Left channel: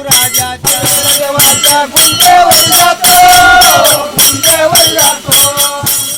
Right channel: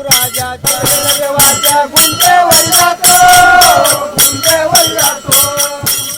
राजाच्या देवाच्या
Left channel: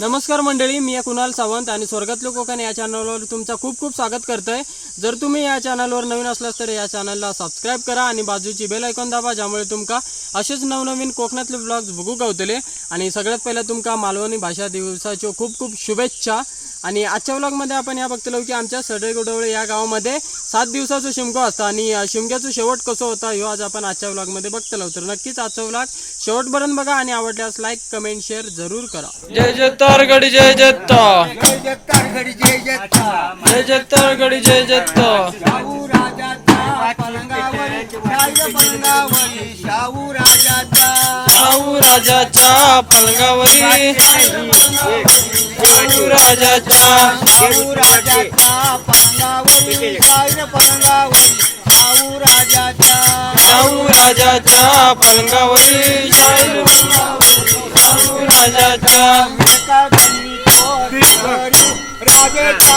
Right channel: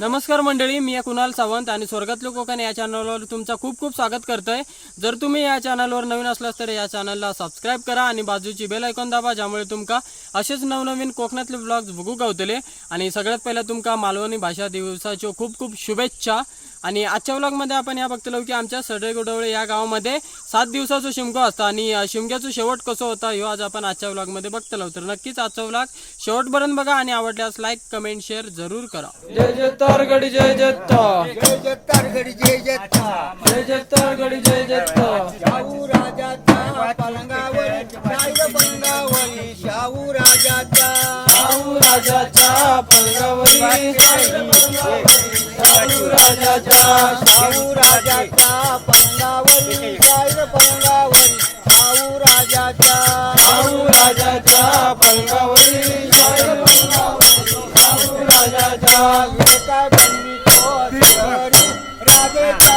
नमस्कार मंडळी मी आहे कुणाल सावंत आणि स्वर्गातलं कोकण या चॅनलवर तुमचं खूप खूप स्वागत करतोय. जर तुम्ही या चॅनलवर नवीन असलास तर या चॅनलला सबस्क्राईब करा आणि बाजूची बेल ऐकून दाबा ज्यामुळे तुमका असेच नवनवीन कोकणातले ब्लॉग्स बघू गावतले. आणि सगळ्यात पहिला तुमका मालवणी भाषा दिवसाच्या खूप खूप शुभेच्छा. आणि आजच्या व्लॉगमध्ये आपण या बघतलो की आमच्या सडे गोडवळे या गावामध्ये सात दिवसाचं शिमगो असतं आणि शिमग्याचं शेवट कसं होता ह्यो आज आपण आजच्या व्लॉगमध्ये बघतलो. तर नक्कीच आजचा व्लॉग शेवटपर्यंत बघा आणि आवडल्यास लाईक कमेंट शेअर जरूर करा. जय जय गडी जय जत्ता जय जय जत्ता जय जत्ता गडी जय जत्ता शाहू पलंगावरी शाहू शाहू राजाच्या पलंगावरी. शाहू राजाच्या शाहू राजाच्या पलंगावरी. पलंगावरी शाहू राजाच्या शाहू राजाच्या पलंगावरी. शाहू राजाच्या मंदिरी विवेका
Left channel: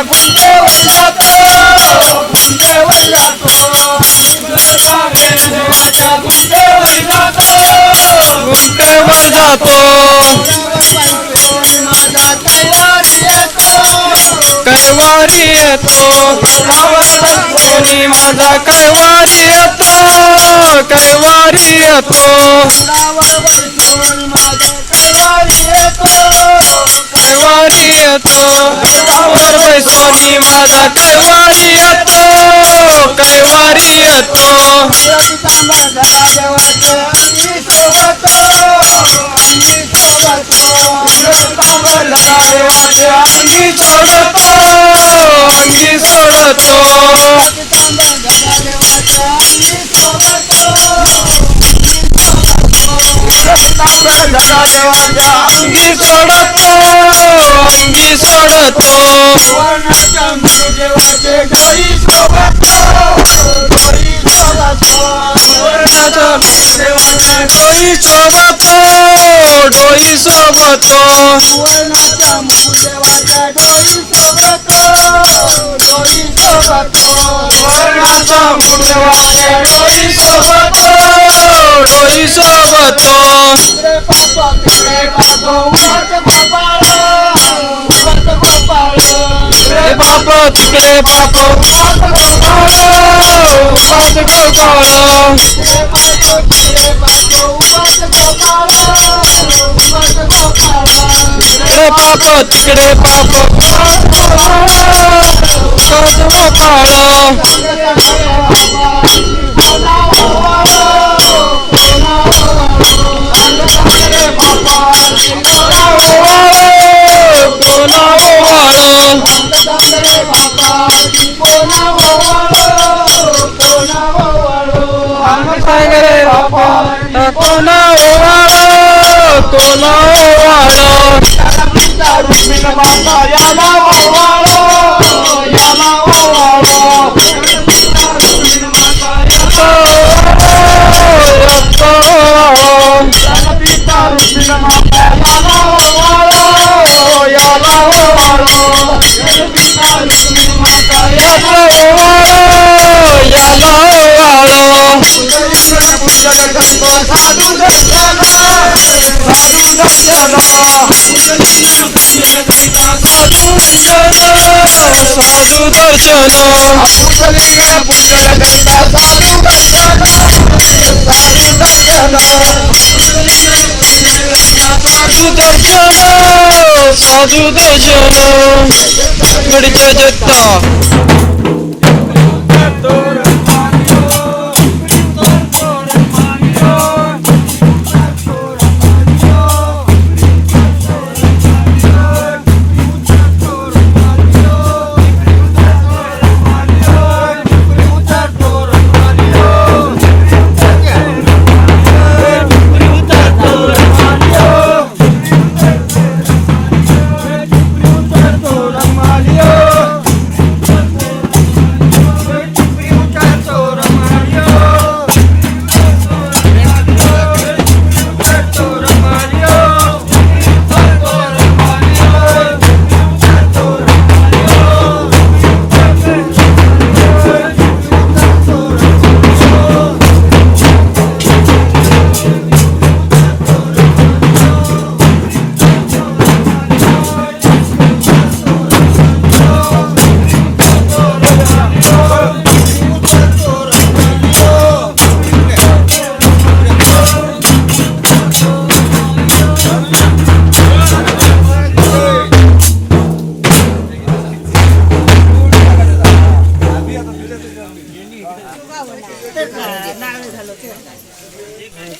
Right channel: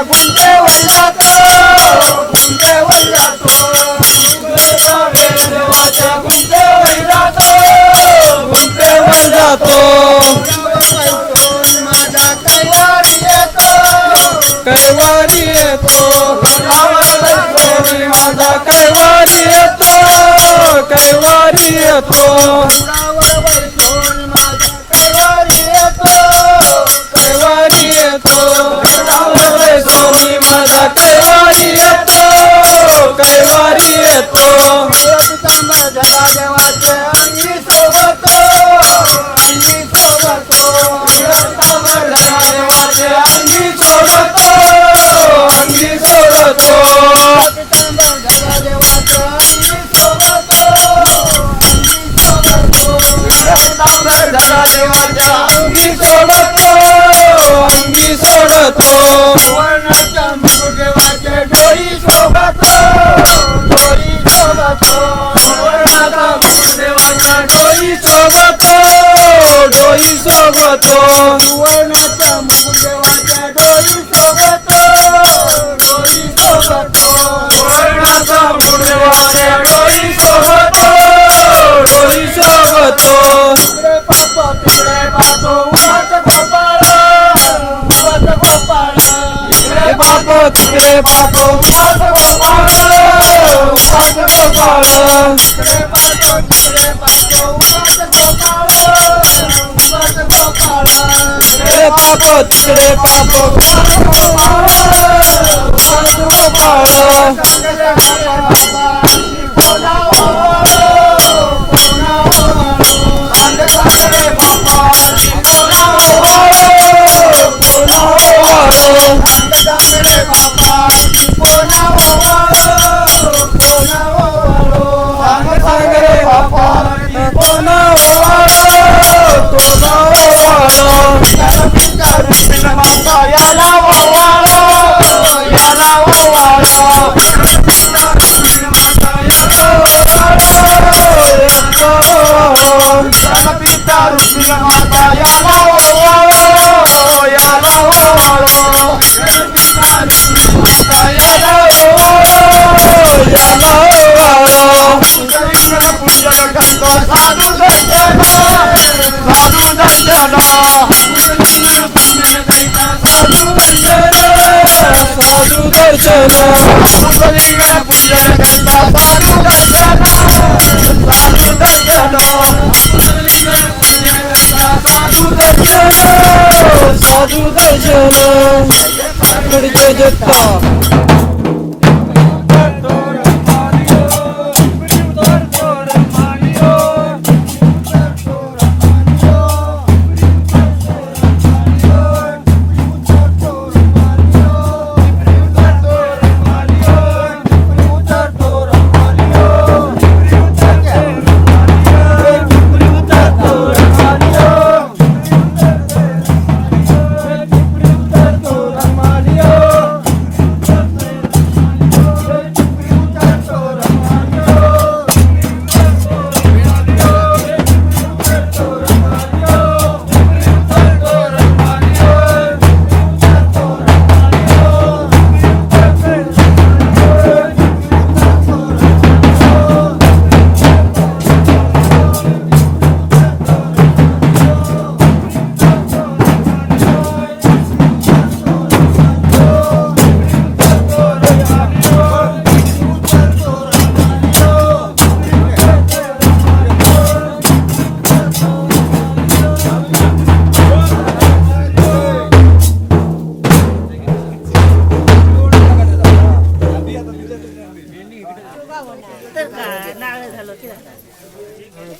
तो तो देवाच्या जातो माझा येतो कैवारी येतो. कोणी माझा कैवारी येतो कैवारी येतो. माझा कैवारी येतो कैवारी येतो? घरा देवाचे अंगी सोबत अंगी सोबत देवाचे सोडतो अंगी सोडतो घरा देवाचे सोबत सोडतो अंगी सोडतो डोई सोबतो सुवर्णाच्या मुदेवाचे डोई सोबत डोई सोबत सुवर्णाचा देवाच्या डोई सोबतो डोई सोबतो तिकडे पापा तिकडे पापा उमट गोपाळ उमट गोपाळ तिकडे बाप तिकडे बाप पाच गोपाळ पाच गोपाळ ਪਾਪੋ ਚਿਕੜੇ ਪਾਪੋ। ਪਾਪੋ। ਪਾਪੋ ਪਾਪੋ కృష్ణ మాత సాధు దర్శన సాధు దర్శన సాధు సాధు దర్శన పుంజలిగా పుంజల గంట సాధు దర్శన సాధు దర్శన Sadhu Garjana Sadhu Garjana Garjana Jata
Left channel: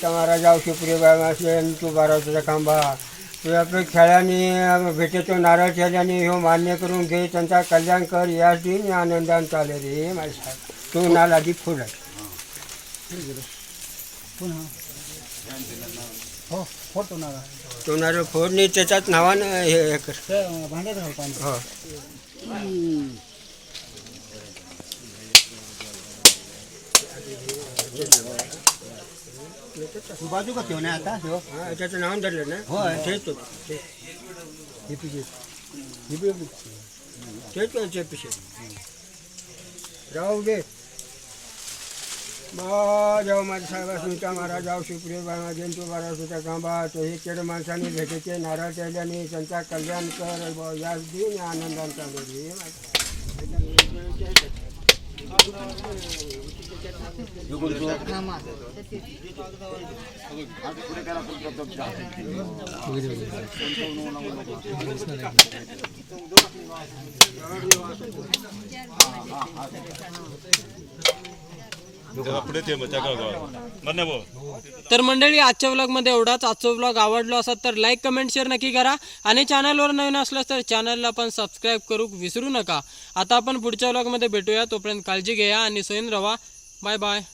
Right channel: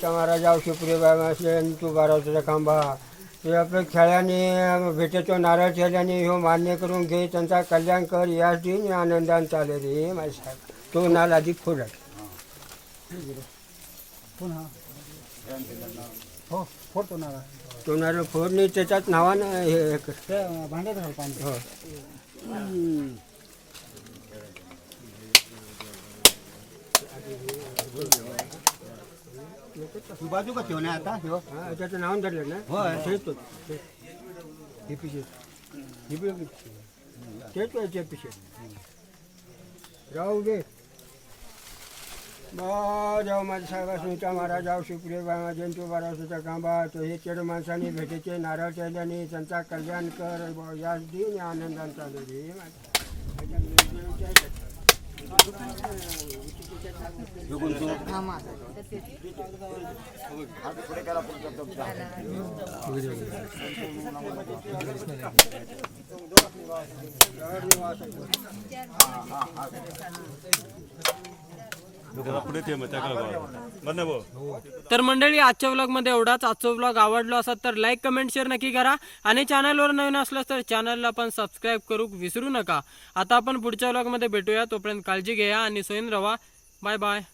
साधू दर्शन साधू दर्शन गडच्या दत्ता તમારા જાવ शिवप्रिय तू बारावचा खांबा तू आपल्या खेळाने भेटेतो नारळ खेळल्याने ह्यो मान्य करून घे त्यांचा कल्याण कर याच दिन आनंदान चाले रे माझ्या तो नाल आधी फुल आहे हो फोडतो ना तो नारळ फोडणी त्याच्यात नावानं हे हे कर भांड्यात घाल पाणी हो तू बाजू का ठेवणे आता? ठेव. हा, त्याचं नाव धरलं ना? होय. तेच होतं ते- हे पिशे हे तेच व्हायचे पिशे राहू दे. जाऊ माझ्या साहेबा तुमच्या महाराज जाऊ शिवप्रिय बाबा जयंतू बारासूच्या कांबा तो हे केड माणसाने भेटेचे नारळ केल्याने त्यांचा कल्याण कर. याच दिन आनंदान तर मंडळी आजच्या व्लॉगमध्ये एवढाच. आजचा व्लॉग आवडलो असा तर लाईक कमेंट शेअर नक्की करा. आणि चॅनलवर नवीन असलं तर चॅनलला पण सबस्क्राईब करू विसरू नका. आता आपण पुढच्या व्लॉगमध्ये भेटूया. तोपर्यंत काळजी घ्या आणि सोयीन रवा. Bye bye.